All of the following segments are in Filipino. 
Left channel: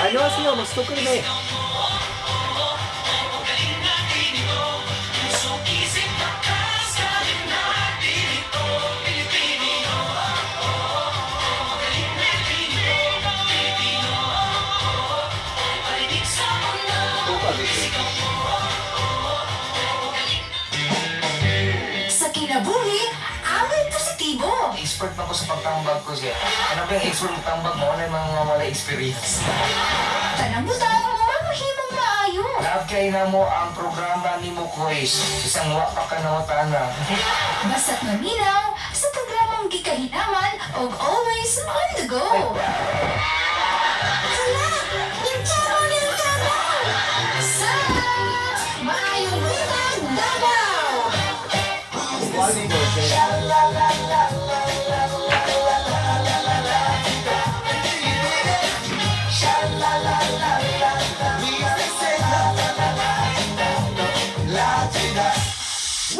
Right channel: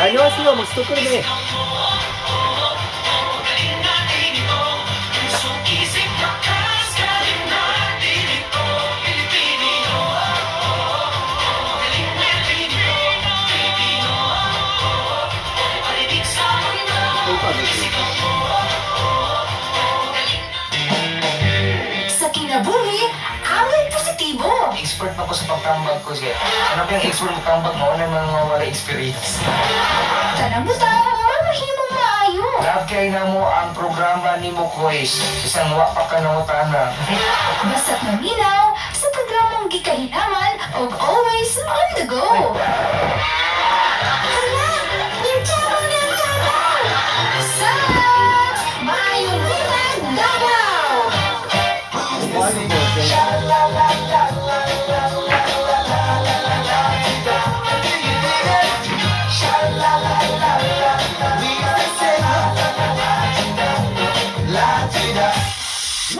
안녕하세요. 목스토크네. Sa kinabuhi, away positibo. Expert na ko sa pagtambag ko siya. Ano kayang expert mo tambag mo? Ano yung mga wala experience? Tanang buta, mahimong maayo. Love kay na mo ang programa ni mo quiz. Isang wa pa ka na. Basta't maminaw sa programang gikahinaman og always on the go. Hala, yung tsabo ng kabaw! Sa Maayong Bulan, Davao!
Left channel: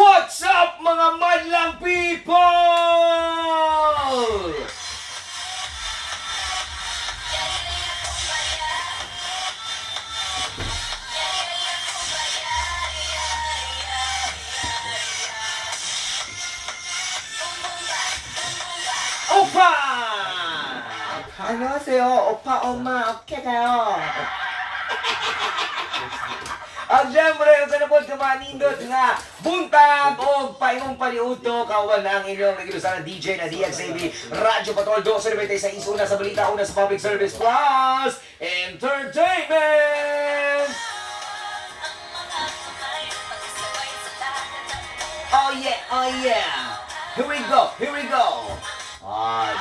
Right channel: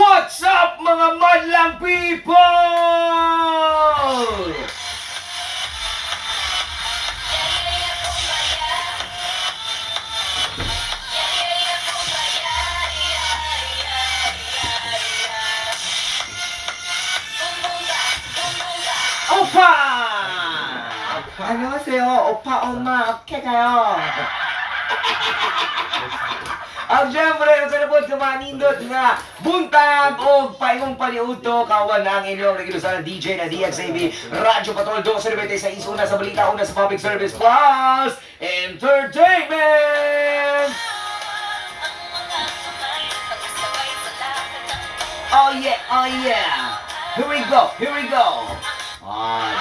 What's up mga madlang people? 오빠! 안녕하세요. 오빠, 엄마, 어떻게 가요? Ang siyempre, yung kanapod kamanindot nga, buntag o paingong paniuto, kawan ang inyong nagilusan ng DJ na DXAB, Radyo Patrol 296 una sa balita, una sa Public Service Plus, Entertainment! Oh yeah, oh yeah! Here we go, here we go!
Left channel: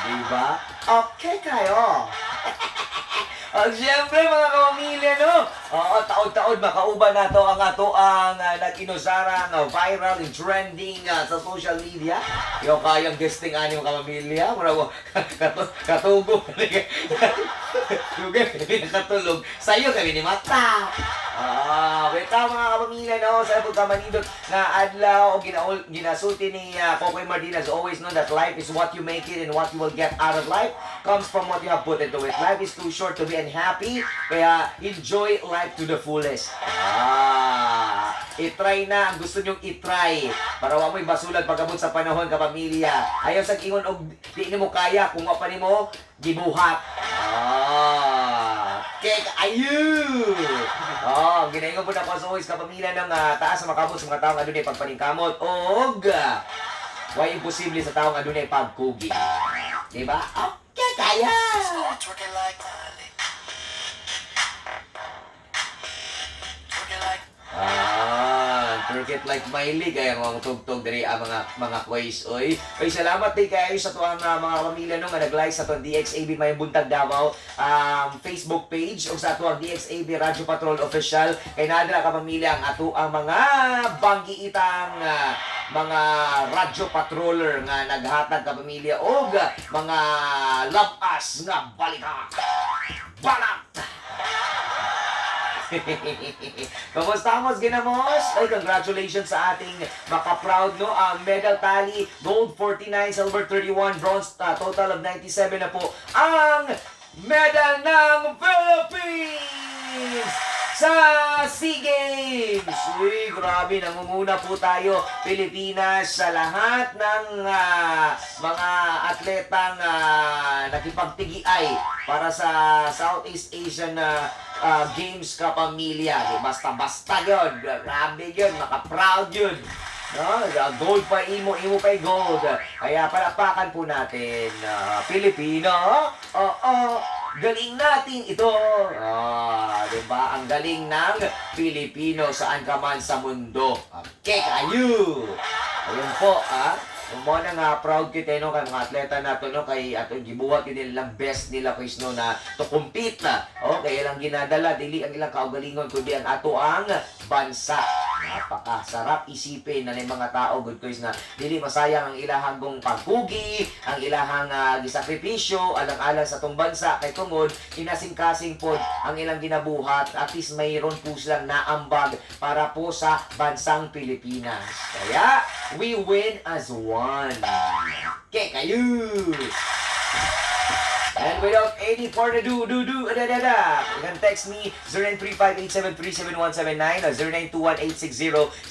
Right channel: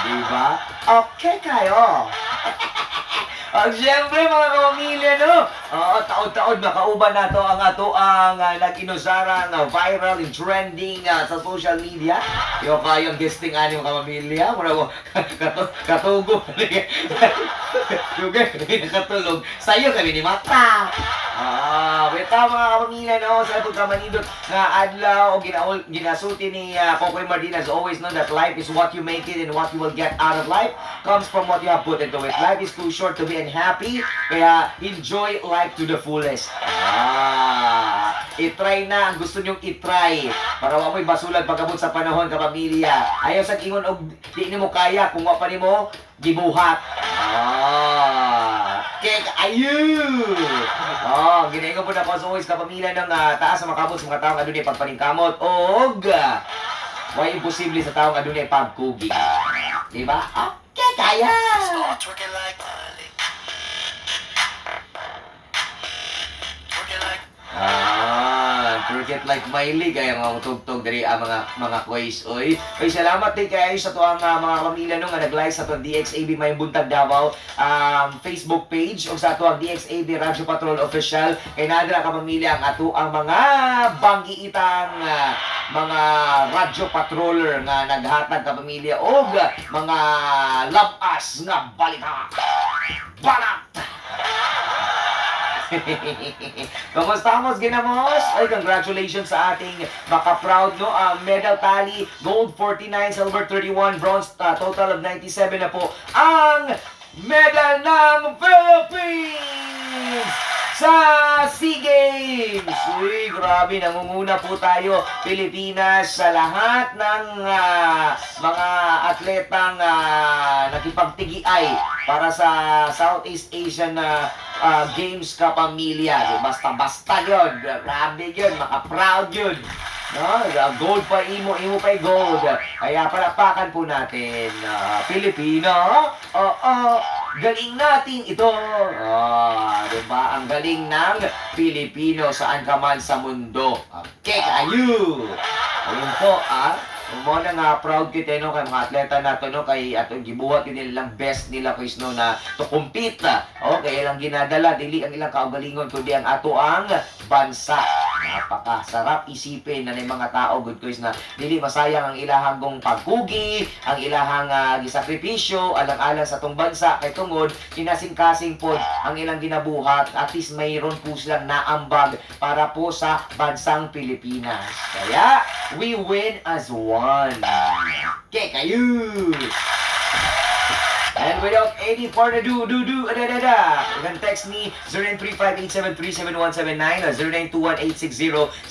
Diba? Okay kayo! Ang siyempre mga kapamilya, no? Taon-taon makauban na to ang ato ang nag-inusarang viral and trending sa social media. Yung kayang guesting ani yung kapamilya. Muna ko, katugo. Yung nakatulog. Sa'yo kami ni Mata. Weta mga kapamilya, no? Sa ito kamanidot na adlaw o ginasuti ni Kokoy Martinez always know that life is what you make it and what you will get out of life comes from what you have put into it. Life is too short to be unhappy, kaya enjoy life to the fullest. I-try na ang gusto nyong i-try para wa mo'y basulag pagabot sa panahon kapamilya. Ayaw sa ingon og di nimo kaya kung wa pa nimo gibuhat. Kek ayu. Ginaingon po na pa sa kapamilya ng taas sa makabot sa mga taong adunay pagpaningkamot og way imposible sa taong adunay pagkugi. Diba? Okay, kaya. Forget like Miley kaya mga tugtog dari ang mga quiz oy. Oy salamat din kayo sa tuang mga pamilya no nga nag-like sa tuang DXAB May Buntag Davao Facebook page o sa tuang DXAB Radyo Patrol Official kay nadala ka pamilya ang ato ang mga banggiitang mga radyo patroller nga naghatag ka pamilya og mga labas nga balita. Balat! Kamusta mos ginamos? Ay, congratulations sa ating maka-proud, no? Medal tally, gold 49, silver 31, bronze total of 97 na po ang medal ng Philippines sa SEA Games. Uy, grabe, namumuna po tayo, Pilipinas, sa lahat ng mga atletang nakipagtigiay para sa Southeast Asian Games kapamilya. Basta-basta yun. Grabe yun. Maka-proud yun. No? Gold pa, imo pa gold. Kaya palapakan po natin. Pilipino. Galing natin ito. Diba? Ang galing ng Pilipino saan ka man sa mundo. Okay, kayo. Ayun po, mo na nga proud kita no kay mga atleta nato no kay atong gibuhat yun nilang best nila quiz no na to compete na. Okay, lang ginadala dili ang ilang kaugalingon kundi ang ato ang bansa. Napakasarap isipin na ng mga tao good quiz na dili masayang ang ilahang gong pagkugi, ang ilahang gisakripisyo alang-alang sa tong bansa kay tungod kinasing-kasing pod ang ilang ginabuhat at least mayroon po silang naambag para po sa bansang Pilipinas. Kaya we win as one. Okay, kayo! And without any further ado, you can text me 0935-873-7179 or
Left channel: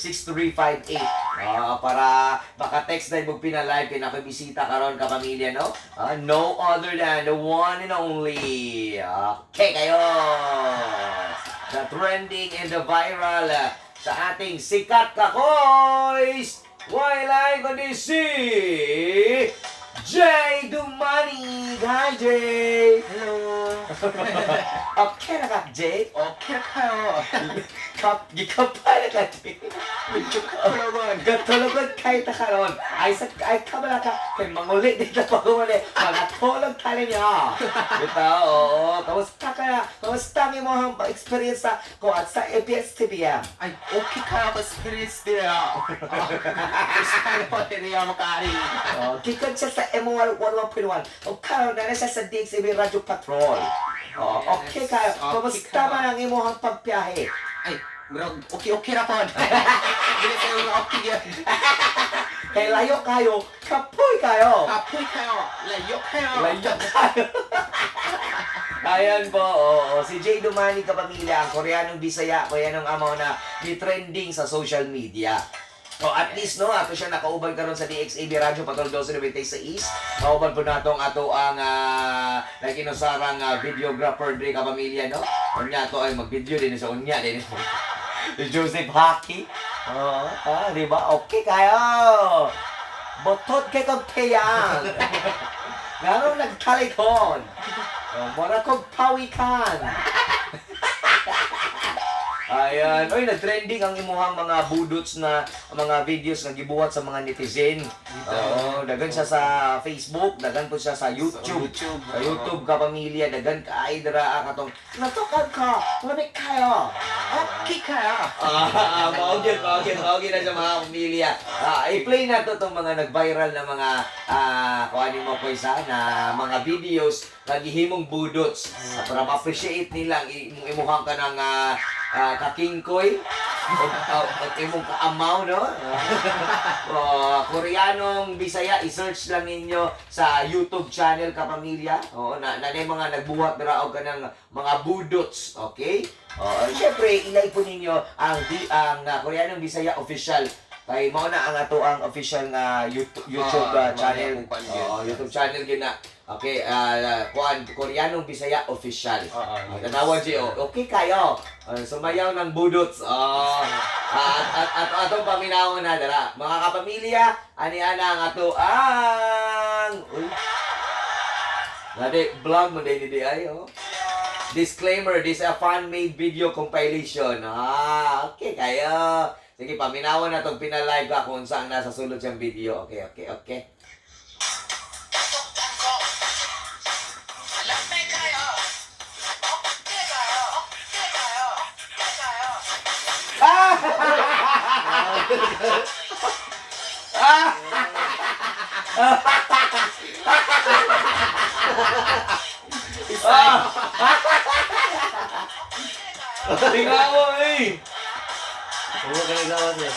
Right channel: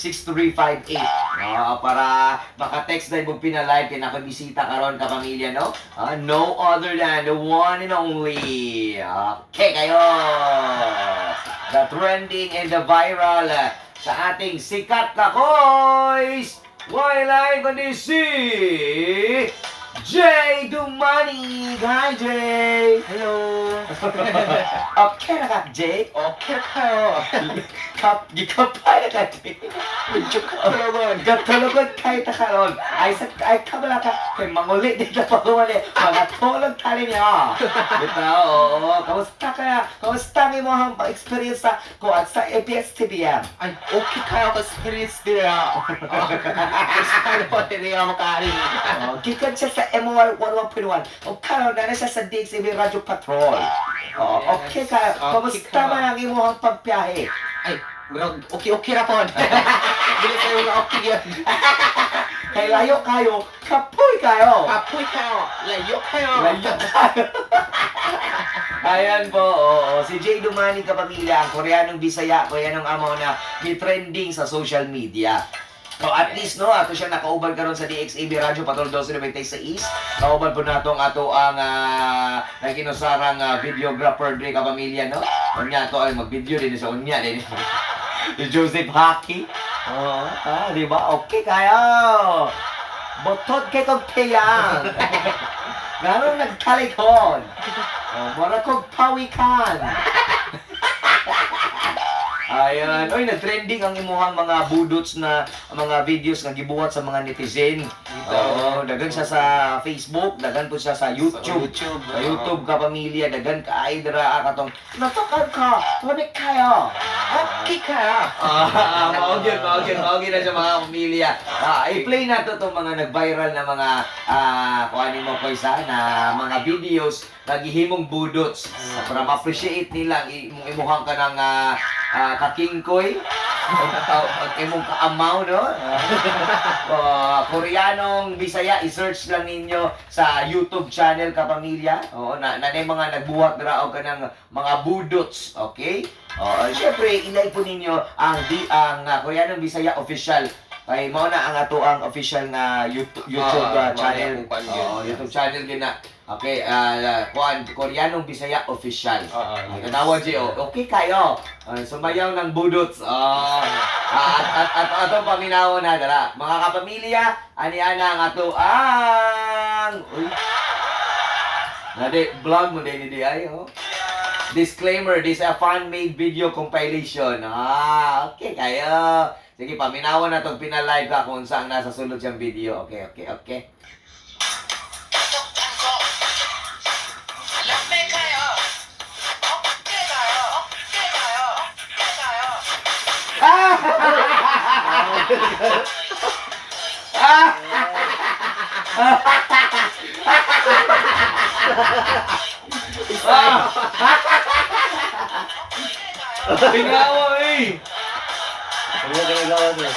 0921-860-6358 para maka-text na yung pinalive kay nakabisita karon ka pamilya, no? No other than the one and only. Okay kayo! The trending and the viral sa ating sikat kakoys! Why ko ni si Jay Dumanig! Hi, Jay! Hello. Okay na ka, Jay? Okay kayo. Gikapay na ka, Jay. Katulungan. Katulungan kayo na karon. Ay, kabala ka. Kay manguli, di ka pa kumali. Mga tulog tali niya. Ito, oo. Kamusta ka? Kamusta mo ang experience ko at sa ABS-CBN? Ay, okay kayo ka spirits nila. Gusto ko nila makari. Gikan siya sa M111.1. O karon na siya sa DXAB Radio Patrol. Okay ka. Kamusta man ang imong pagbiyahe? Ay, bro, okay ra po. Dili kayo nga okay yan. Kay layo kayo, kapoy kayo. Apoy kayo. Layo kayo. Layo kayo. Ayan po, si Jay Dumani kapamilya, ang Koreanong Bisaya, Koreanong amo na ni-trending sa social media. At least, no, ato siya nakauban karon sa DXAB Radio Patrol 1296. Kauban po nato ang nakinusarang videographer din kapamilya, no? Unya to ay mag-video din sa unya din. Si Joseph Haki. Di ba? Okay kayo. Botot kay kong tiyang. Ganong nagtalikod. Mura kong pawikan. Ayan. Oy, nag-trending ang imuhang mga budots na mga videos na gibuhat sa mga netizen. Oo, dagan siya sa Facebook, dagan po siya sa YouTube. Sa YouTube ka pamilya, dagan ka ay dira katong natukan ka, tumanik kayo. Okay kayo. Maugyan na sa mga pamilya. I-play na to itong mga nag-viral na mga kung ano mo ko isa na mga videos na gihimong budots para ma-appreciate nila ang imuhang ka ng kakingkoy at imong kaamaw, no? Koreanong Bisaya, i-search lang ninyo sa YouTube channel kapamilya. Na mga nagbuhat raw ka ng mga budots, okay? Siyempre, ilay po ninyo ang Koreanong Bisaya official. Kay mo na ang ato ang official nga YouTube channel. YouTube channel gina. Okay, Koreanong Bisaya official. Tanawan si okay kayo. Sumayaw ng budots. At atong paminawan na dala. Mga kapamilya, ani-ana ang ato ang nade vlog mo din di ay Disclaimer, this is a fan-made video compilation. Okay kayo. Sige, paminawan na itong pinalive ka kung saan nasa sulod siyang video. Okay. Pingawa eh! Huwag ka nagawa niya.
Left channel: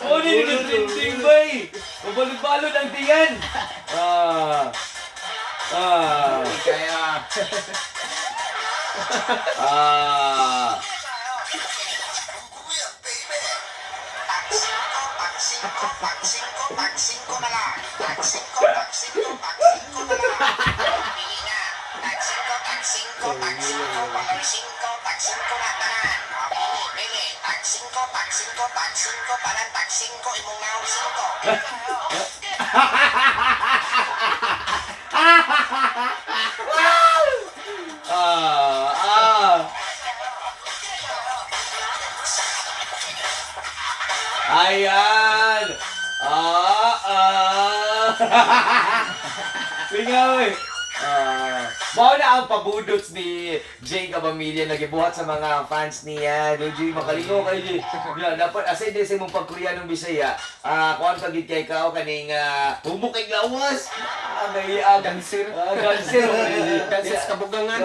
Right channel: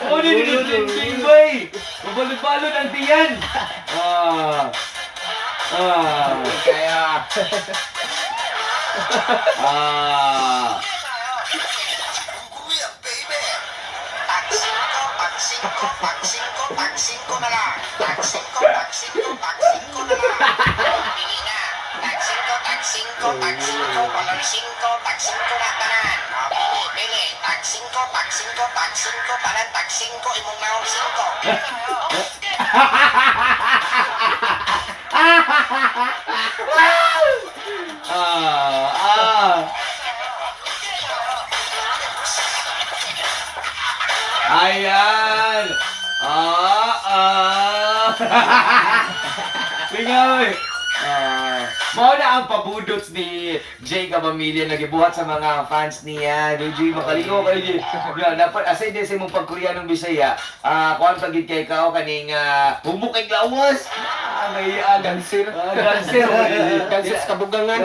Hindi ka trending ba eh! Mabalot-balot ang tiyan! Kaya. Pag-5 na lang. Pag-5 na lang. Pili. Tag-5 palan. Tag-5 imong naong 5. Ayan! Lingaw eh! Mao na ang pabudots ni Jay kapamilya nagibuhat sa mga fans niya. Jay, makalingo kayo Jay. Dapat asay din sa imong pag-Koreanong Bisaya. Kuan pagid kay kao kaning humok kay lawas. May Gansir. Gansir. Gansir sa kabugangan.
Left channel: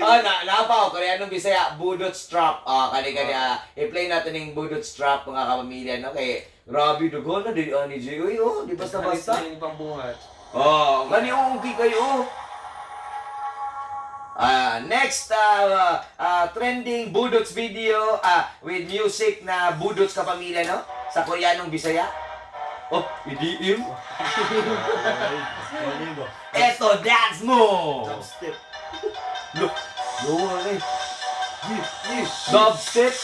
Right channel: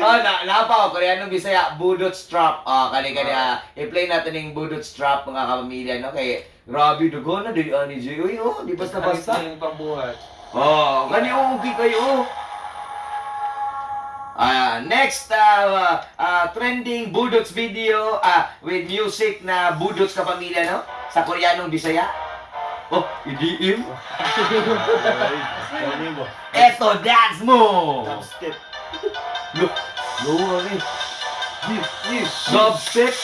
Napaw, Koreanong Bisaya, Budot Strap. Kani-kani, i-play natin yung Budot Strap, mga kapamilya, no? Kay, grabe, dugo na, ni Jay. Uy, di basta-basta. Yung pambuhat. Kani, okay kayo, next, trending Budots video with music na Budots kapamilya, no? Sa Koreanong Bisaya. EDM. Eto, dance mo! Step. Look, ano eh. Dubstep.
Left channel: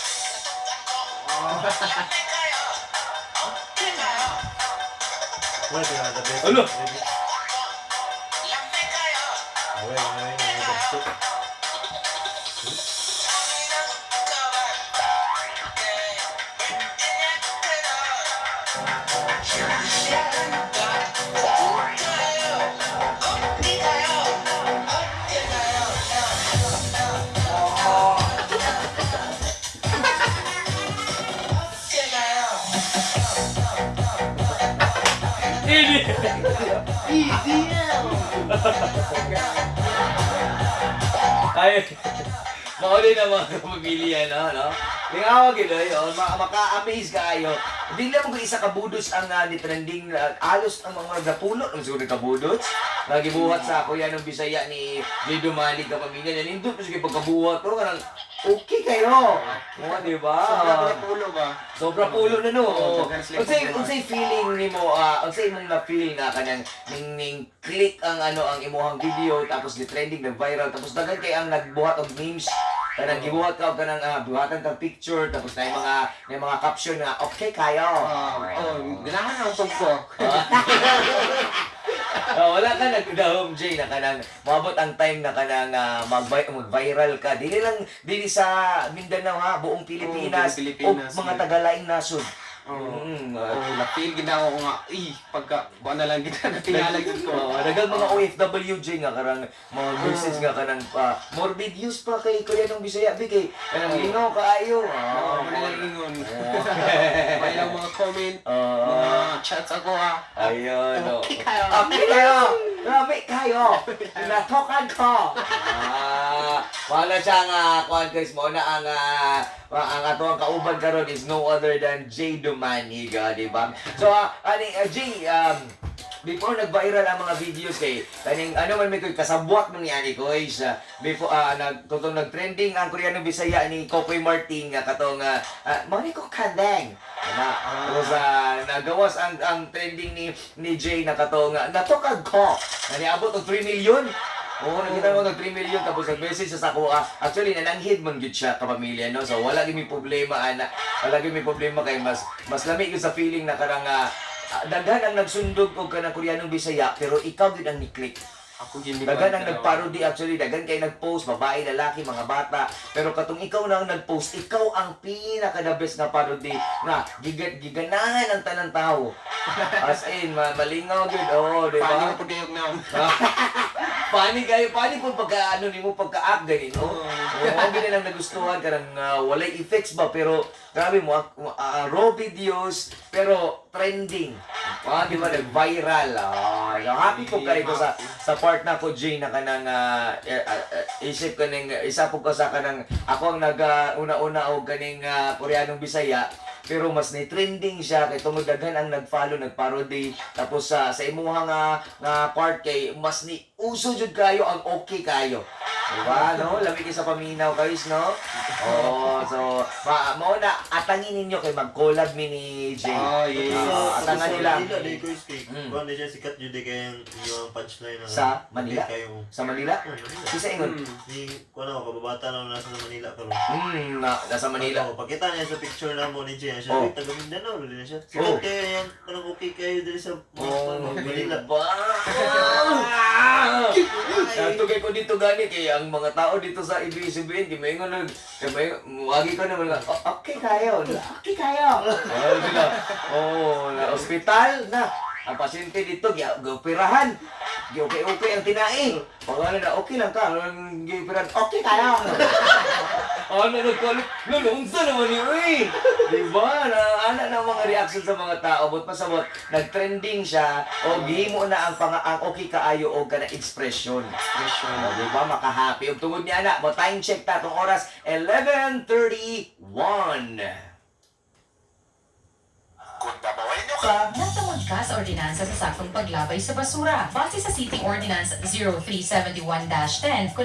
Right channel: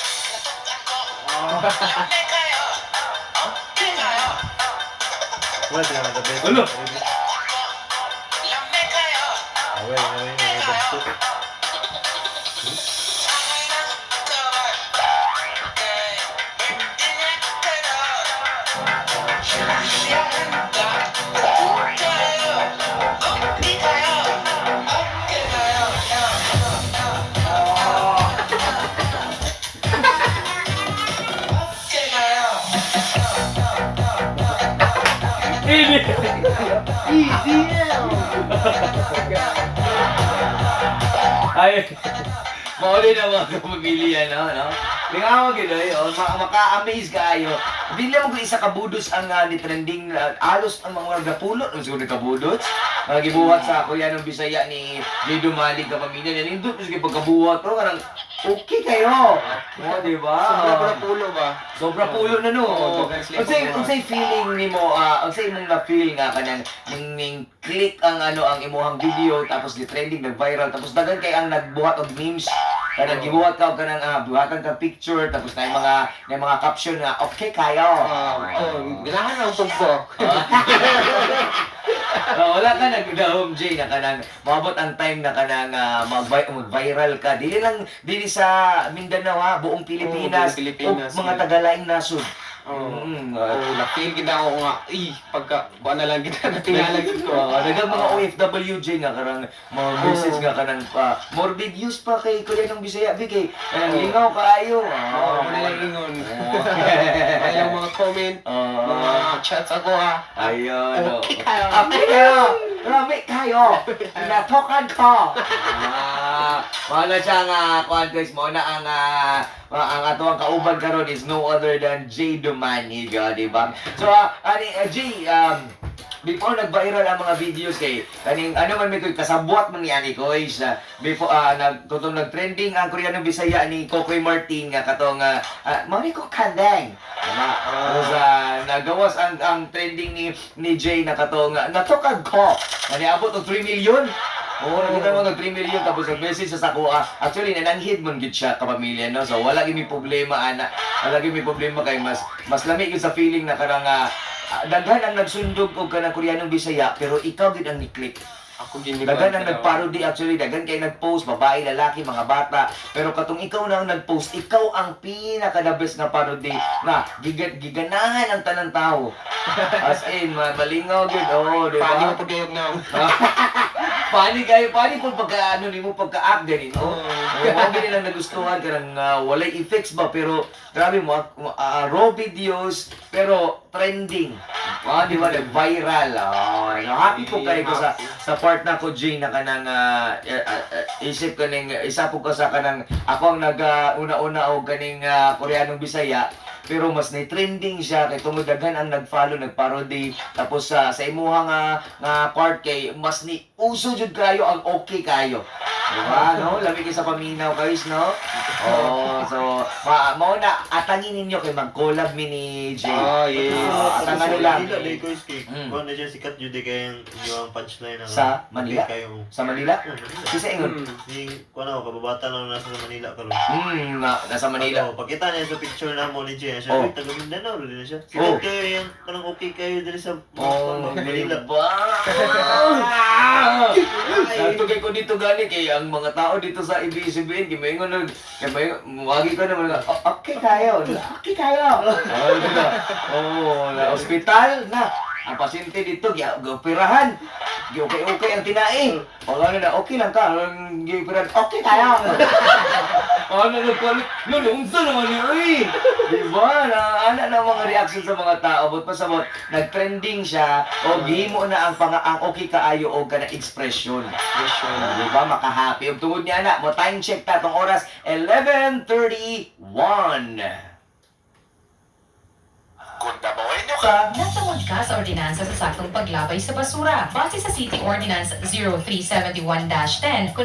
Wala sila na the best. Ano? Away, dubstep. Ay, mauli na mga kapamilya, no? Lingawag yun, maka-amaze kayo. Hindi lang kung isa kabudos ang ni trending, alos ang mga gapulo, ang siguro kabudos. Nagibuhat sa Koreanong Bisaya ni Jay Dumalig kapamilya. Nindot na sige pagkabuhat, kanang okay kayo. Di ba? Sobra pulo ba? Sobra pulo na, no? Dagan Unsay feeling nimo, unsay imong na-feel nga kanang ning click ang ang imong video tapos gi-trending, nag-viral tapos dagan kay ang nagbuhat og memes. Kanang gibuhat ka og kanang buhatan ka picture tapos na yung mga caption nga okay kayo. Ganahan lang pagbo. Wala ka nagdahom Jay na kanang maabot ang time na kanang mag-viral ka. Dili sa Mindanao buong Pilipinas, buong Pilipinas, o mga tagalaing nasod. Na-feel gina ako nga, pagka, buwan na lang kita natingala dito. Dagang mga OFWJ nga karang mga message nga kanang morbid use pa kay Koreanong Bisaya kay kanang lingaw kaayo. Ano lang ingon. May lang mga comment, mga chats ako Ayun. Okay kayo. Okay kayo. Grabe kayo. Natokan ko. Wala siya nga guys mo na ang ato ang kauban karon is no other than Jay Dumanig, di ba? So, Jay, before nag-viral ang mga videos kay kaning man may kasabwat man ni ani ko is before nag-trending ang Koreanong Bisaya ni Kokoy Martin nga katong mani ko kandang tapos nagawas ang trending ni Jay na katong natokag ko niabot og 3 million. Nakita mo nag 3 million tapos nag-message sa ako. Actually, nananghid man gid siya kapamilya, no? So, wala gyud may problema, ana. Wala gyud may problema kay mas lamig gyud sa feeling na karang daghan ang nagsundog og kanang Koreanong Bisaya, pero ikaw gyud ang ni-click. Ako gini. Daghan ang nag-parody actually, daghan kay nag-post, babae, lalaki, mga bata. Pero katong ikaw na ang nag-post, ikaw ang pinaka-the best na parody na giganahan ang tanang tao. As in, malingaw gyud, di ba? Paano ko pagayog na? Paano kung nimo pagka-act ganin, no? Mga ganyan lang nagustuhan ka ng walay effects ba, pero grabe mo, raw videos, pero trending. Di ba, nag-viral. Happy ko kayo ko sa part na ko, Jay, na kanang isip ka ning, isa po ka sa kanang, ako ang nag-una-una o kaning Koreanong Bisaya, pero mas na-trending siya kay tumudaghan ang nag-follow, nag-parody, tapos sa imuha nga part kay mas ni uso jud kayo ang okay kayo. Diba, no? Lamig sa paminaw guys, no? So mao na atangin ninyo kay mag-collab mi ni Jay. Yes. Atangan nila. Manila, Lakers cake. Kung ano siya, sikat yun di kaya yung punchline. Sa Manila? Kayo. Sa Manila? Kisa ingon. Kung ano, kababata na nasa Manila karon. Nasa Manila. Pagkita niya sa picture na mo ni Jay, siya, ay, taga Mindanao, rin siya. Oh. Sikat kayo yan, kanang okay kayo din sa Manila. Manila. Nagtugay ko dito gani kay ang mga tao dito sa ABS-CBN gimaingon wagi ko naman okay kayo. Okay kayo. Hospital na ang pasyente dito, gioperahan. Okay ang tinai. Wala na, okay lang ka. Gioperahan, okay tayo. Ano nagkalit? Nalungsa naman niya eh. Diba? Ana na mga reaction sa mga tao. But pasabot, nag-trending siya. O gihimo na ang okay kaayo o ka na expression. Diba? Makahappy. Ug tungod niya na, mo time check ta tong oras 11:31. Kung dabawain nyo Natungod ka sa ordinansa sa saktong paglabay sa basura. Base sa City Ordinance 0371-10,